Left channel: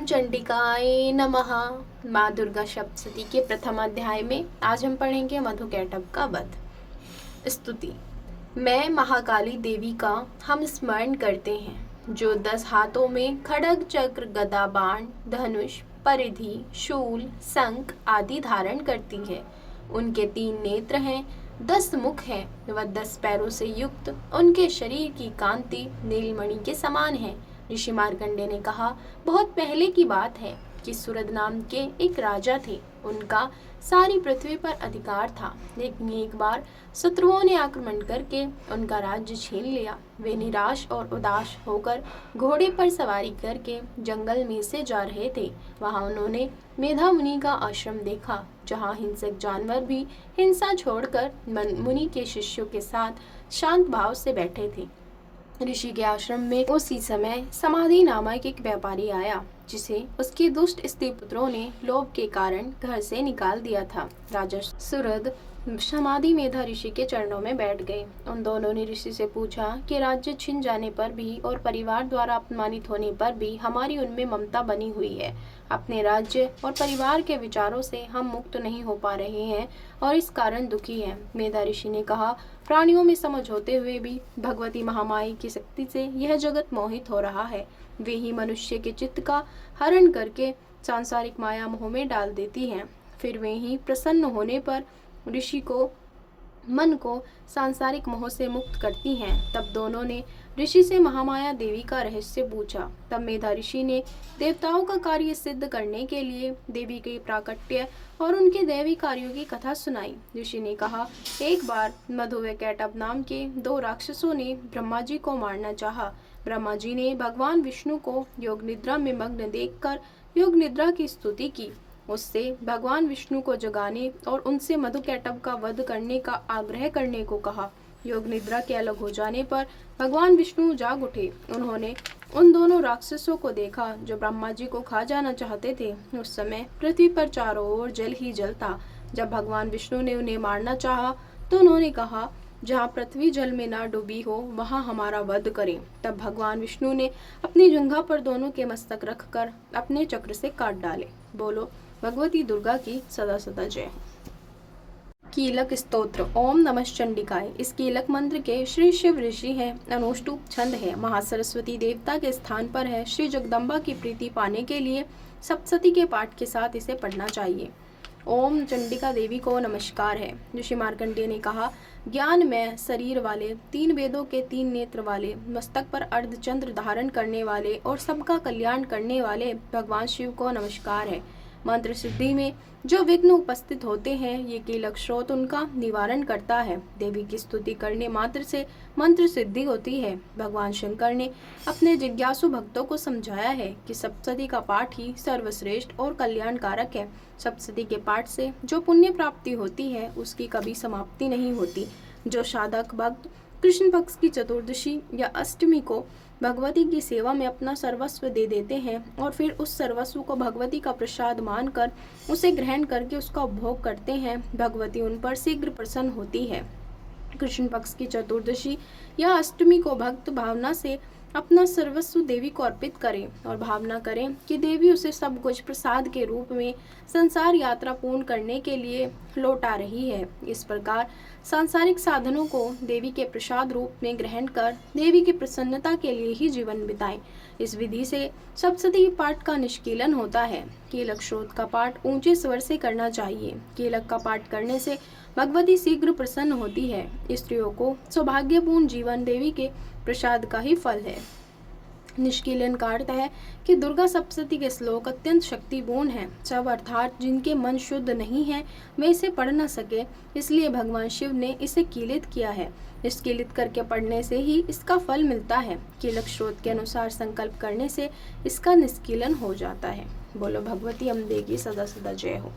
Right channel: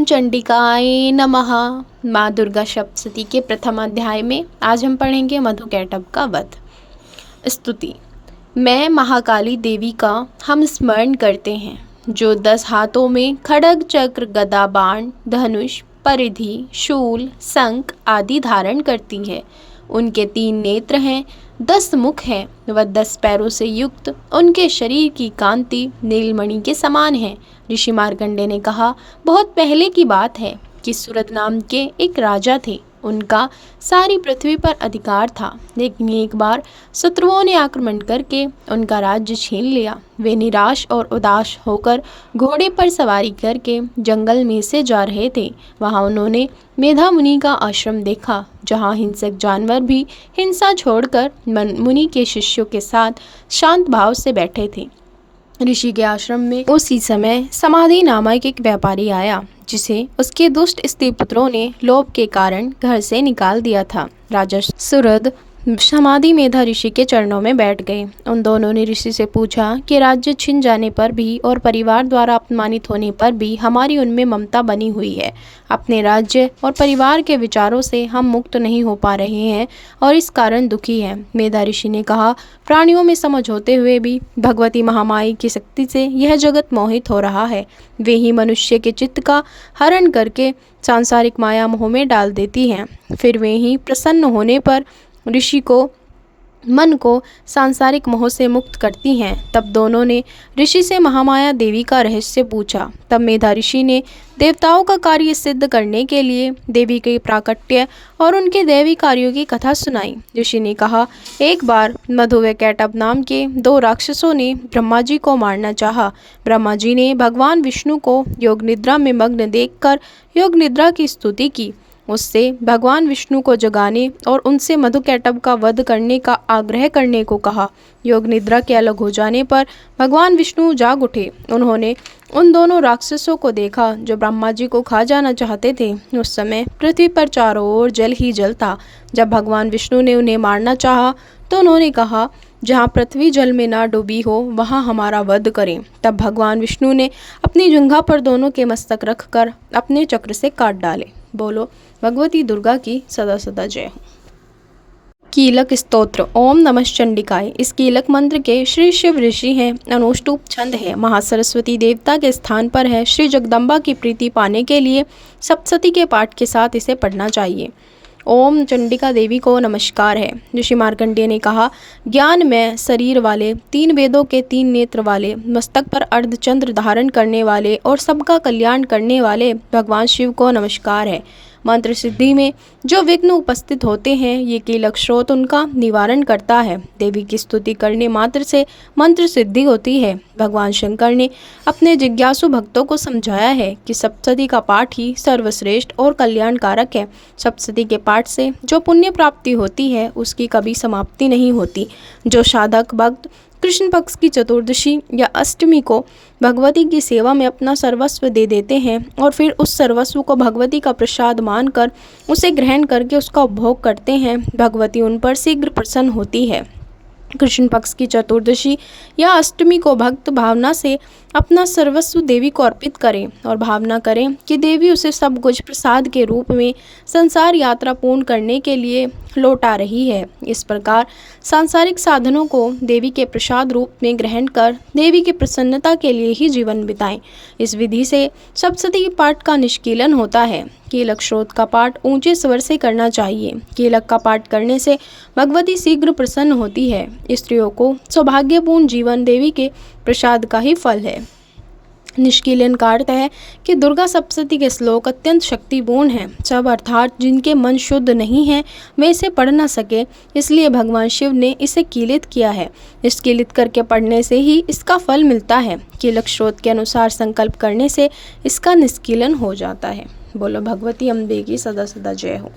ओम चंडिकाय नमः। माँ दुर्गा सप्तशती के प्रथम अध्याय में आज हम पढ़ेंगे मधुकैटभ का वध। स्तुति। मैं महाकाली देवी का हम स्मरण करते हैं, जो 10 हाथों में खड्ग चक्र गदा बाण धनुष परिधि शूल शंख आदि धारण करती है। उनके 3 नेत्र हैं, 10 मुख हैं व 10 पैरों से युक्त उनके शरीर की कांति नीलमणि के समान है। ऋषि मार्कंडेय ने कहा, बहुत पहले की बात है कि सूरद नाम के एक राजा थे। उनका सारी पृथ्वी पर अधिकार था, लेकिन एक बार शत्रुओं ने आक्रमण करके उनका राज्य छीन लिया। वे निराश और उदास होकर घोड़े पर सवारी करके जंगल में से जा रहे थे। वहां उन्होंने मेधा मुनि का आश्रम देखा, जहां हिंसक जानवर भी हिंसा छोड़कर मुनि के शिष्यों के साथ शांत भाव से बैठे थे। ऋषि के आश्रम में उसी समय समाधि नामक एक व्यापारी आया, जिसे उसके दुष्ट स्त्री पुत्रों ने लोभ के कारण घर से निकाल दिया था। राजा सूरद समाधि मेधा ऋषि के चरणों में बैठ गए। उन दोनों ने ऋषि से पूछा कि राज्य छिन जाने पर भी और परिवार द्वारा अपमानित होने पर भी हमारी उनमें ममता बनी हुई है। अपने राज्य और परिवार के विचारों से हम मुक्त नहीं हो पा रहे हैं और इस कारण दुखी हैं। मेधा ऋषि ने कहा, प्राणियों में समझ होते हुए भी भगवती महामाई की शक्ति से यह जगत मोहित हो रहा है। वे ही मनुष्य के चित्त का हरण करके सांसारिक माया मोह में डाल देती हैं। फिर वे ही प्रसन्न होने पर ऋषि को मन को सांसारिक मोह से मुक्त करती हैं। तब दोनों ने ऋषि से महामाया देवी का रहस्य पूछा। तब मेधा ऋषि ने देवताओं का कार्य सिद्ध करने के लिए देवी के प्राकट्य और उनके दैवी कार्यों की कथा सुनाई। ऋषि ने कहा, एक बार मधु व कैटभ नाम के 2 राक्षसों ने ब्रह्मा जी को मारना चाहा। ब्रह्मा जी ने भगवान विष्णु को योग निद्रा में मग्न देखकर योग निद्रा की स्तुति की। उससे भगवान विष्णु को जगाने और उनसे मधुकैटभ का वध करने का आग्रह करने को कहा। योग निद्रा के अलग हो जाने पर भगवान विष्णु जाग उठे। उन्होंने उन दोनों राक्षसों को देखा जो ब्रह्मा जी को खा जाना चाहते थे। उस समय पृथ्वी पर चारों ओर जल ही जल था। जब भगवान विष्णु ने उन्हें मारना चाहा तो उन्होंने कहा, जहाँ पृथ्वी जल में ना डूबी हो वहाँ हमारा वध करें। तब भगवान विष्णु ने अपनी जंघा पर दोनों के मस्तक रखकर अपने चक्र से काट डाले। बोलो भगवती दुर्गा की सदा सदा जय हो। कीलक स्तोत्र। ओम नमः चंडिकाय। इस कीलक मंत्र के श्री शिव ऋषि हैं। अनुष्टुप छंद है। महासरस्वती देवता के स्थान पर है। श्री जगदम्बा की प्रीति पाने के लिए सप्तशती के पाठ के साथ इसे पढ़ना चाहिए। ओम चंडिका देवी को नमस्कार है। ऋषि मार्कंडेय ने कहा, ज्ञानमय शरीर वाले 3 वेदों के 3 नेत्र वाले मस्तक पर अर्धचंद्र धारण करने वाले और सबका कल्याण करने वाले भगवान शिव को नमस्कार है। मंत्र सिद्धि में जो विघ्न उपस्थित होते हैं, ये कीलक स्रोत उनका निवारण करता है। देवी की स्तुति करने मात्र से मंत्र सिद्धि होती है। भगवान शंकर ने अपने जिज्ञासु भक्तों को समझाया है कि सप्तशती का पाठ ही सर्वश्रेष्ठ और कल्याणकारक है। सप्तशती के पाठ से जो पुण्य प्राप्ति होती है, उसकी कभी समाप्ति नहीं होती। जो साधक भक्त कृष्ण पक्ष की चतुर्दशी या अष्टमी को भगवती की सेवा में अपना सर्वस्व दे देते हैं और फिर उस सर्वस्व को भगवती का प्रसाद मानकर उसे ग्रहण करके उसका उपभोग करते हैं, भगवती उन पर शीघ्र प्रसन्न होती है। कृष्ण पक्ष की चतुर्दशी या अष्टमी को भक्त भावना से अपना सर्वस्व देवी को अर्पित करें और भावना करें कि देवी उसे सब कुछ प्रसाद के रूप में संसार यात्रा पूर्ण करने के लिए लौटा रही है। इस प्रकार सांसारिक साधनों को देवी के प्रसाद रूप में ग्रहण कर देवी की प्रसन्नता के लिए ही जीवन बिताएं। इस विधि से सप्तशती पाठ का निष्कीलन होता है। कीलक स्रोत का पाठ ऊंचे स्वर से करना चाहिए। कीलक का पाठ करने से भगवती शीघ्र प्रसन्न होती है। स्त्रियों को सौभाग्यपूर्ण जीवन देवी के प्रसाद का ही फल है। निष्कीलन का अर्थ है कि दुर्गा सप्तशती के श्लोक अत्यंत शक्तिपूर्ण हैं। सब अर्थात जिनके मन शुद्ध नहीं है वे इसे पढ़ न सके, इसलिए भगवान शिव ने इसे कीलित किया है। निष्कीलित करके पढ़ने से ही इसका फल मिलता है। कीलक स्रोत के अनुसार संकल्प करने से इसका निष्कीलन हो जाता है। बोलो भगवती अम्बे की सदा सदा जय हो।